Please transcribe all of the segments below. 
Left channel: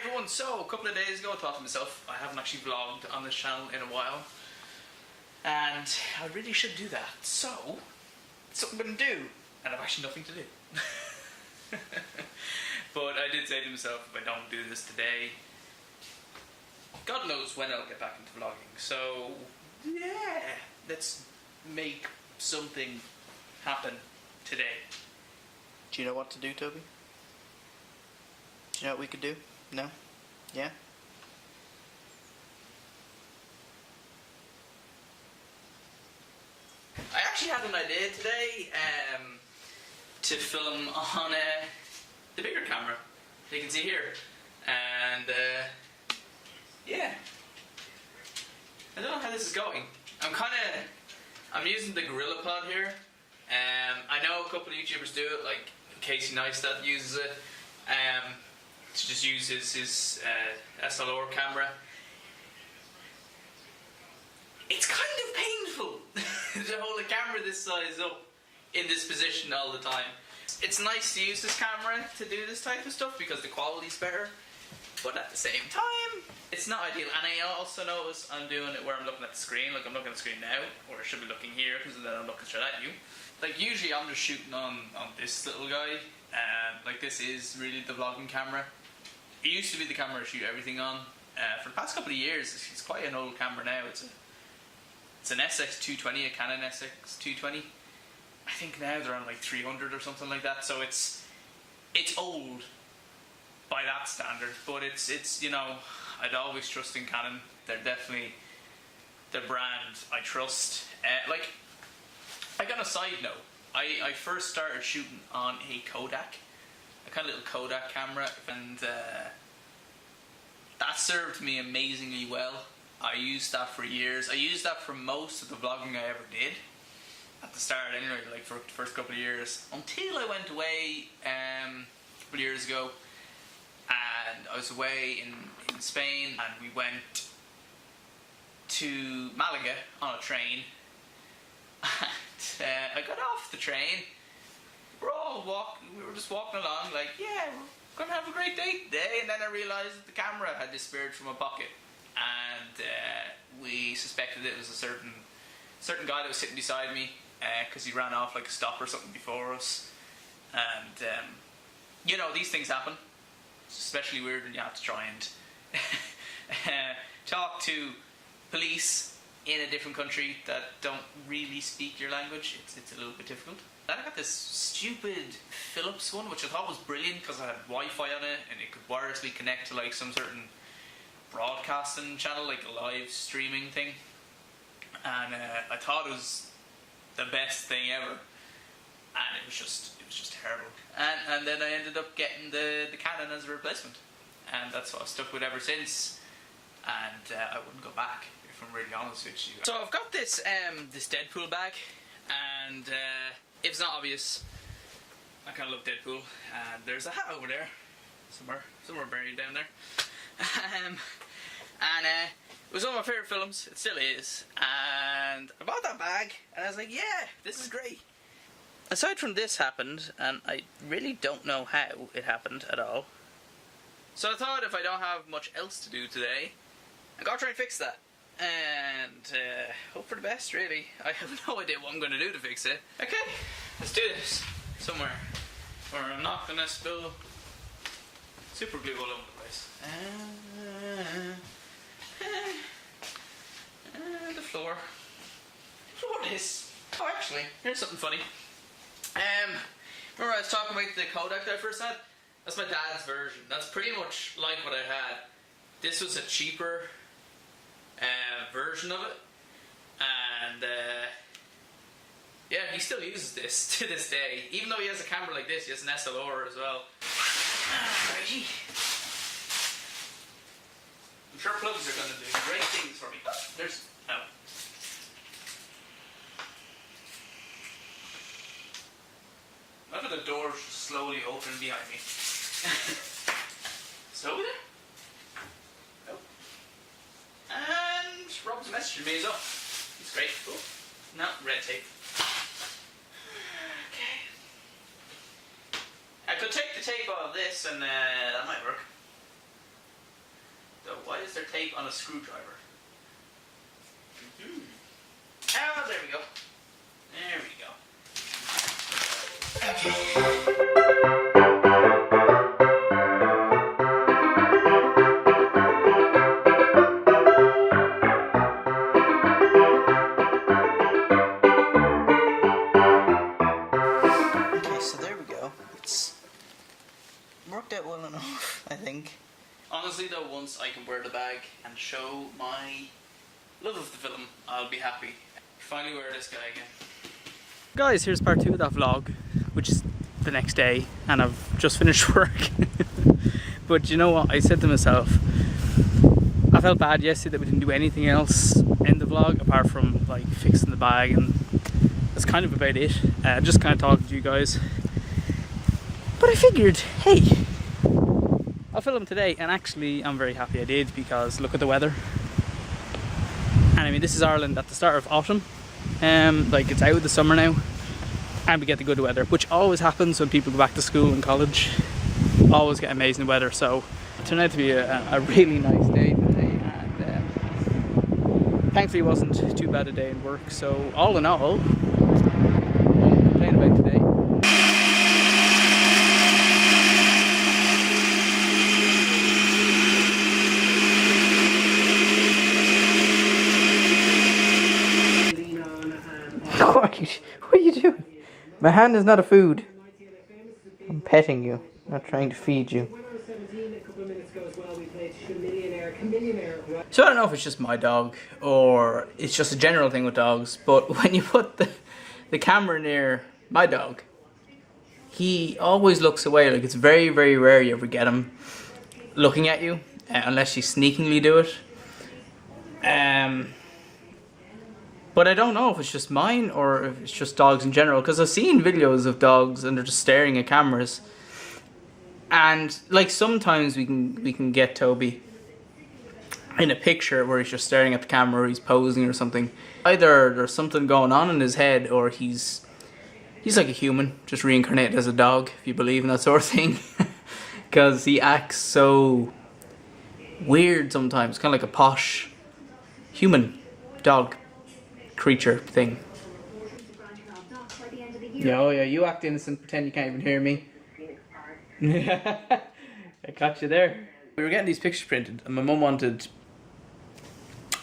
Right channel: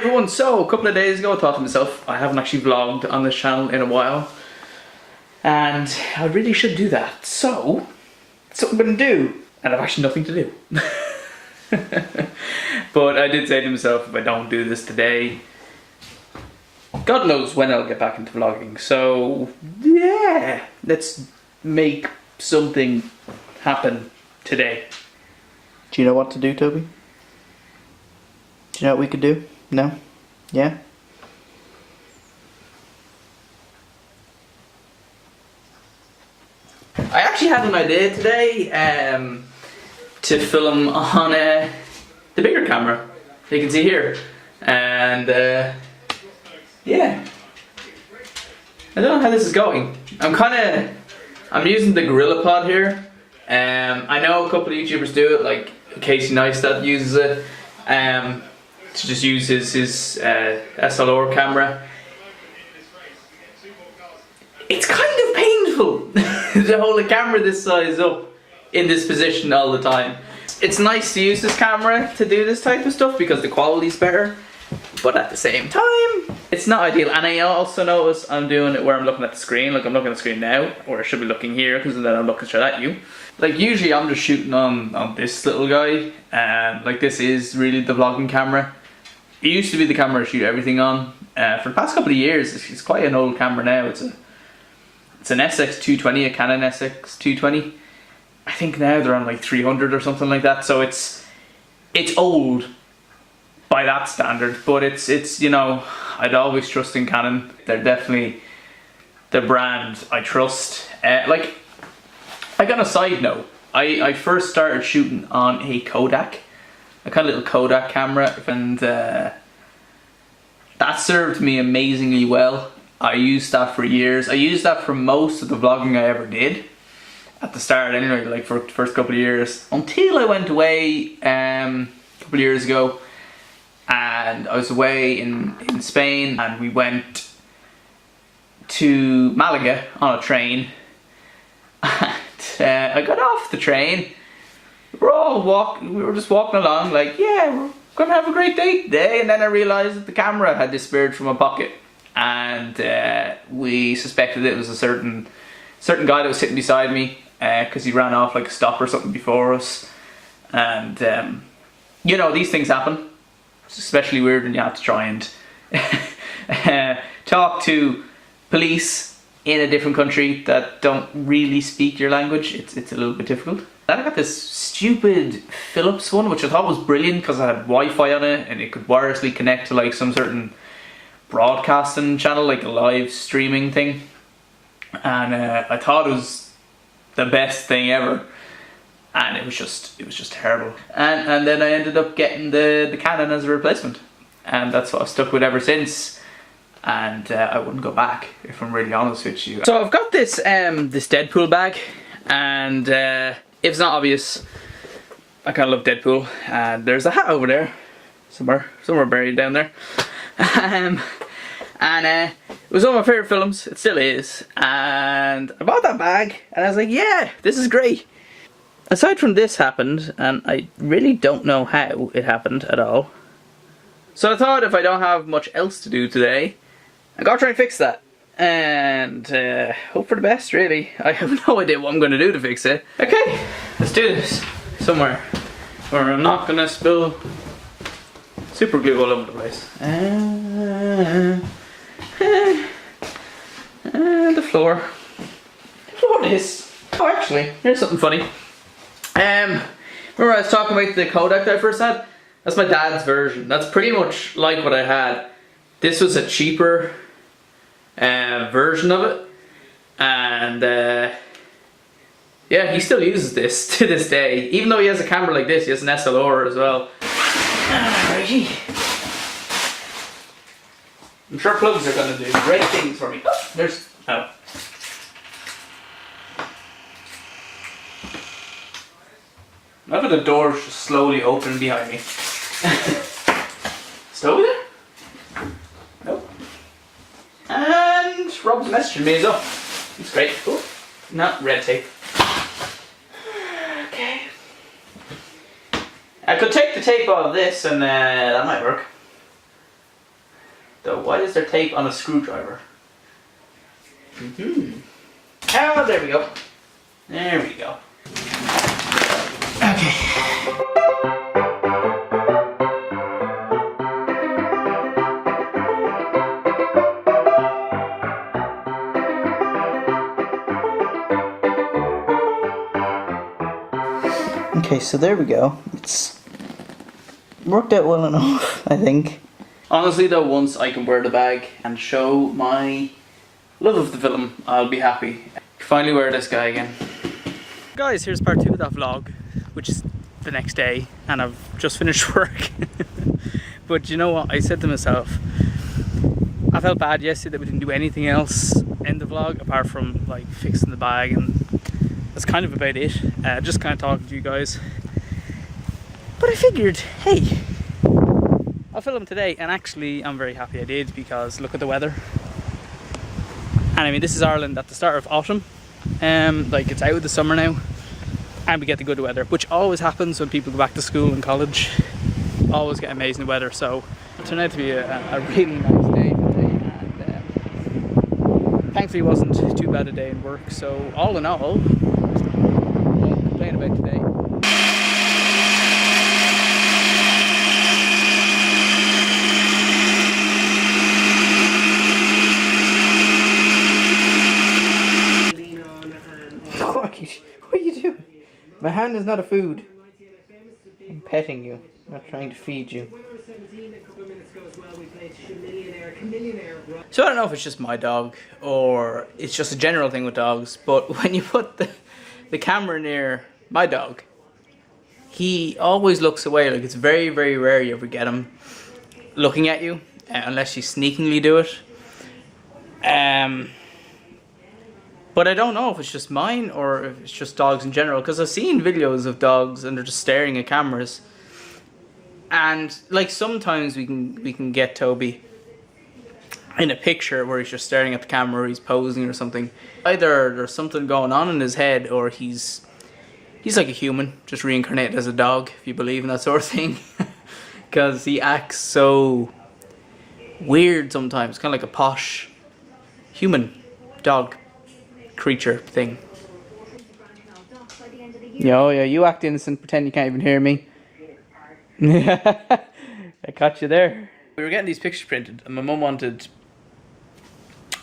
everyone, so a couple of days ago I thought to myself, I haven't actually vlogged on this channel in a while and I really should do that, so that's what I'm going to do, and I've actually nothing to do. But I did say to myself, if I don't do this today, God knows when I'll get back into vlogging, so yeah, let's make something happen today. Do you know what to do, Toby? Do you know what we could do? No? Yeah? I actually had an idea today to film on the bigger camera that you can see here, and yeah, I don't know how this is going. I'm using the Gorilla Pod here. I know a couple of YouTubers do it, like Casey Neistat uses it to just use his SLR camera. It's kind of painful to hold a camera this size up in this position all the time. It's nice to use this camera to do this type of stuff because the quality's better, but at the same time, it's not ideal. And I also notice I'm doing it where I'm looking at the screen. Like I'm looking at the screen now, or I should be looking here because then I'm looking straight at you. Like usually I'm just shooting on this little guy, and like this is really the vlogging camera. It used to be the camera I shoot everything on. For the past couple of years, it's quite an old camera now. It's an SX220, a Canon SX220. I think now they're on like 300 or something like that. So it's old by that standard, but it's you know, I'd always trust in Canon. They're definitely the brand I trust. Like, I got a side note. I first started shooting on a Kodak, a kind of little Kodak camera, and that served me amazingly well. I used that for years. I used that for most of the vlogging I ever did. At the start anyway, like for the first couple of years. Until I went away a couple of years ago. And I was away in Spain, and we went to Malaga on a train. And I got off the train. We were just walking along like, yeah, we're gonna have a great day today. And then I realised that the camera had disappeared from my pocket. And we suspected it was a certain guy that was sitting beside me, because he ran off like a stop or something before us. And you know, these things happen. It's especially weird when you have to try and talk to police in a different country that don't really speak your language. It's a little bit difficult. Then I got this stupid Philips one, which I thought was brilliant because I had Wi-Fi on it and it could wirelessly connect to like some certain broadcasting channel, like a live streaming thing. And I thought it was the best thing ever. And it was just terrible. And then I ended up getting the Canon as a replacement, and that's what I've stuck with ever since. And I wouldn't go back, if I'm really honest with you. So I've got this this Deadpool bag, and if it's not obvious, I kind of love Deadpool. And there's a hat over there, somewhere buried down there. And it was one of my favourite films. It still is. And I bought that bag, and I was like, yeah, this is great. Aside from this happened, and I really don't know how it happened at all. So I thought if I don't have much else to do today, I'm gonna try and fix that. And hope for the best, really. I have no idea what I'm gonna do to fix it. Okay, let's do this. Somewhere where I'm not gonna spill super glue all over the place. And the floor. The floor is. Oh, actually, here's something funny. Remember I was talking about the Kodak that I first had? That's my dad's version. That's pretty much like what I had. This was a cheaper version of it, and yeah, he still uses this to this day. Even though he has a camera like this, he has an SLR as well. Alrighty. I'm sure plugs are going to do great things for me. Oh, there's... oh. I love how the doors just slowly open behind me. Still over there? Nope. And Rob's messaging me as well. It's great. Oh, not red tape. Okay. I could take the tape off this and that might work. Though, why is there tape on a screwdriver? Oh, there we go. There we go. Okay. Okay, so there we go. It's worked out well enough, I think. Honestly though, once I can wear the bag and show my love of the film, I'll be happy. Finally wear this guy again. Guys, here's part 2 of that vlog, which is the next day, and I've just finished work. But you know what, I said to myself, I felt bad yesterday that we didn't do anything else in the vlog apart from like fixing the bag, and that's kind of about it. Just kind of talking to you guys. But I figured, hey, I'll film today, and actually I'm very happy I did, because look at the weather. And I mean, this is Ireland at the start of autumn. Like, it's out of the summer now, and we get the good weather, which always happens when people go back to school and college. Always get amazing weather, so it turned out to be a really nice day today, and thankfully it wasn't too bad a day in work. So all in all, won't complain about today. What are you doing? My hand is not a food. I'm petting you, not trying to feed you. So I don't know if it's just my dog or it's just a general thing with dogs, but when you put the camera near my dog, he always looks away. Like, it's very, very rare you ever get him looking at you, unless you sneakingly do it. But I don't know if it's just mine or if it's just dogs in general, because I've seen videos of dogs and they're just staring at cameras. And like, sometimes we can get Toby in a picture where he's just staring at the camera or he's posing or something. Either there's something going on in his head, or he's like a human, just reincarnated as a dog, if you believe in that sort of thing. Because he acts so weird sometimes, kind of like a posh human dog creature thing. Oh yeah, you act innocent, pretend you can't even hear me. I caught you there. We were getting these pictures printed, and my mum wanted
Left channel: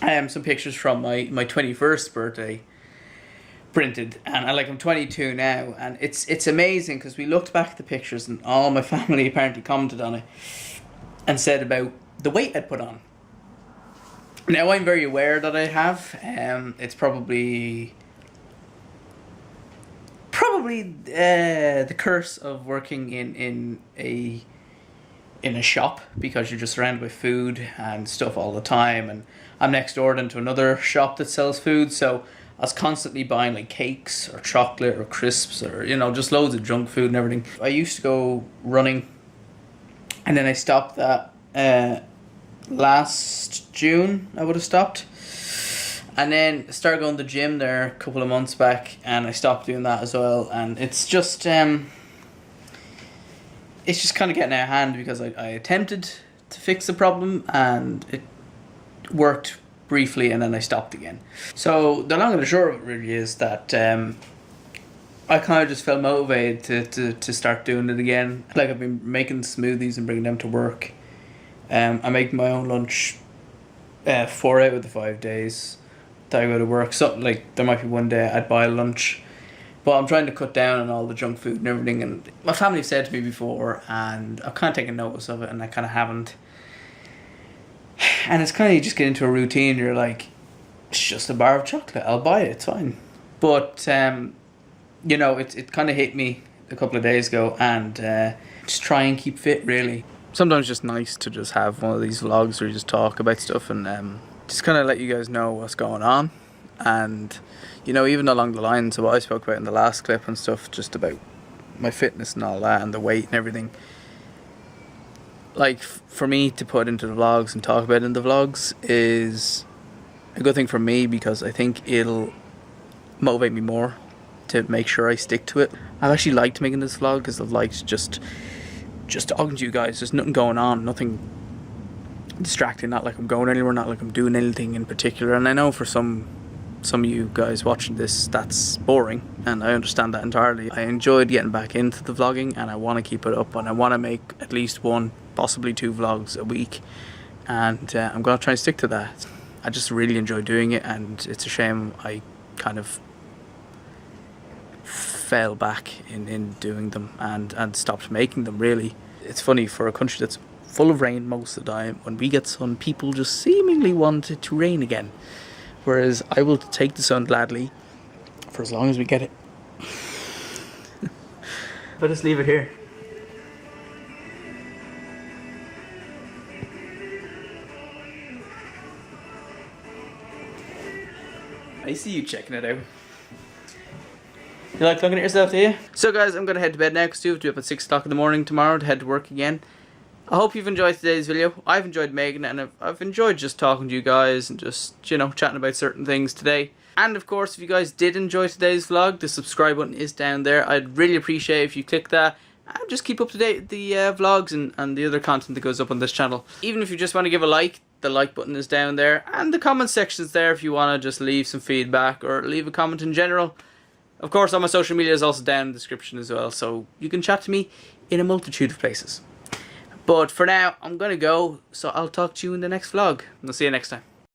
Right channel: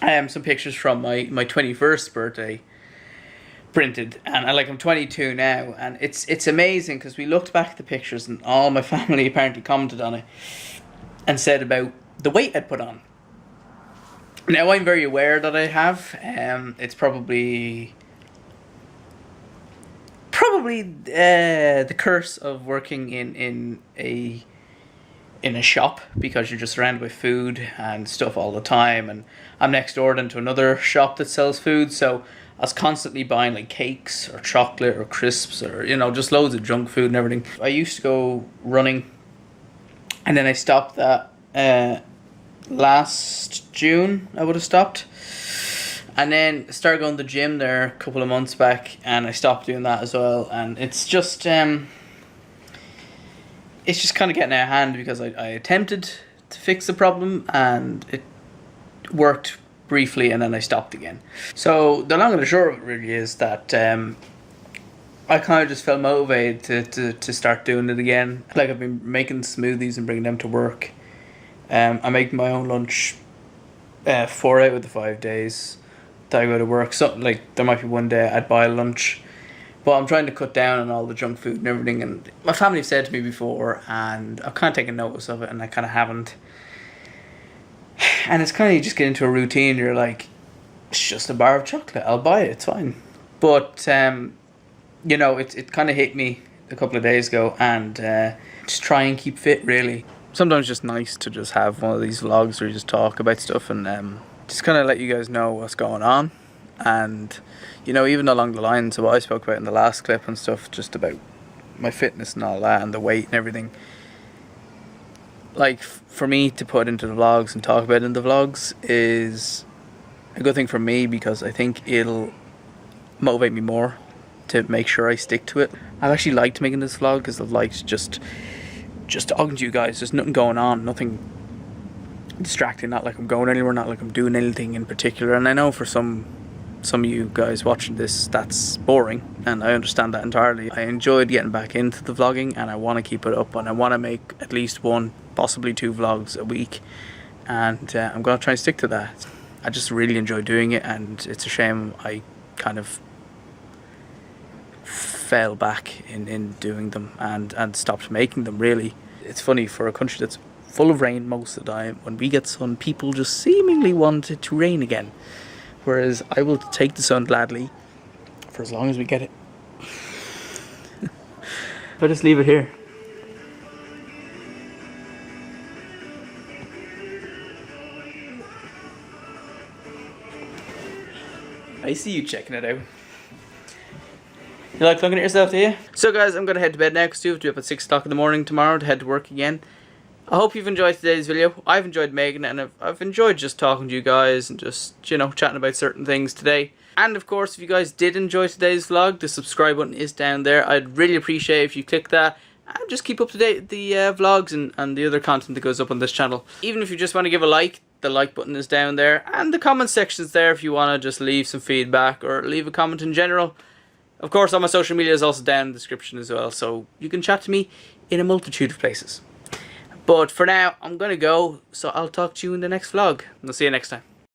some pictures from my 21st birthday printed, and I'm 22 now, and it's amazing because we looked back at the pictures and all my family apparently commented on it and said about the weight I'd put on. Now, I'm very aware that I have. It's probably the curse of working in a shop, because you're just surrounded by food and stuff all the time, and I'm next door to another shop that sells food, so I was constantly buying like cakes or chocolate or crisps or, you know, just loads of junk food and everything. I used to go running, and then I stopped that last June. I would have stopped, and then started going to the gym there a couple of months back, and I stopped doing that as well. And it's just kind of getting out of hand, because I attempted to fix the problem and it worked briefly, and then I stopped again. So the long and the short of it really is that I kind of just felt motivated to start doing it again. Like, I've been making smoothies and bringing them to work. I make my own lunch 4 out of the 5 days that I go to work. So, like, there might be one day I'd buy lunch, but I'm trying to cut down on all the junk food and everything. And my family have said to me before, and I've kind of taken notice of it, and I kind of haven't. And it's kind of, you just get into a routine. You're like, it's just a bar of chocolate, I'll buy it, it's fine. But you know, it kind of hit me a couple of days ago, and just try and keep fit, really. Sometimes it's just nice to just have one of these vlogs where you just talk about stuff and just kind of let you guys know what's going on. And, you know, even along the lines of what I spoke about in the last clip and stuff, just about my fitness and all that and the weight and everything. Like, for me to put into the vlogs and talk about in the vlogs is a good thing for me, because I think it'll motivate me more to make sure I stick to it. I've actually liked making this vlog because I've liked just talking to you guys. There's nothing going on, nothing distracting, not like I'm going anywhere, not like I'm doing anything in particular. And I know for some of you guys watching this, that's boring, and I understand that entirely. I enjoyed getting back into the vlogging, and I want to keep it up, and I want to make at least 1, possibly 2 vlogs a week, and I'm going to try and stick to that. I just really enjoy doing it, and it's a shame I kind of fell back in doing them and stopped making them, really. It's funny, for a country that's full of rain most of the time, when we get sun, people just seemingly want it to rain again. Whereas I will take the sun gladly for as long as we get it. But just leave it here. I see you checking it out. You like looking at yourself, do you? So guys, I'm going to head to bed now because we have to be up at 6 o'clock in the morning tomorrow to head to work again. I hope you've enjoyed today's video. I've enjoyed making it, and I've enjoyed just talking to you guys and just, you know, chatting about certain things today. And of course, if you guys did enjoy today's vlog, the subscribe button is down there. I'd really appreciate if you click that and just keep up to date with the vlogs and the other content that goes up on this channel. Even if you just want to give a like, the like button is down there, and the comment section is there if you want to just leave some feedback or leave a comment in general. Of course, all my social media is also down in the description as well, so you can chat to me in a multitude of places. But for now, I'm going to go, so I'll talk to you in the next vlog. I'll see you next time.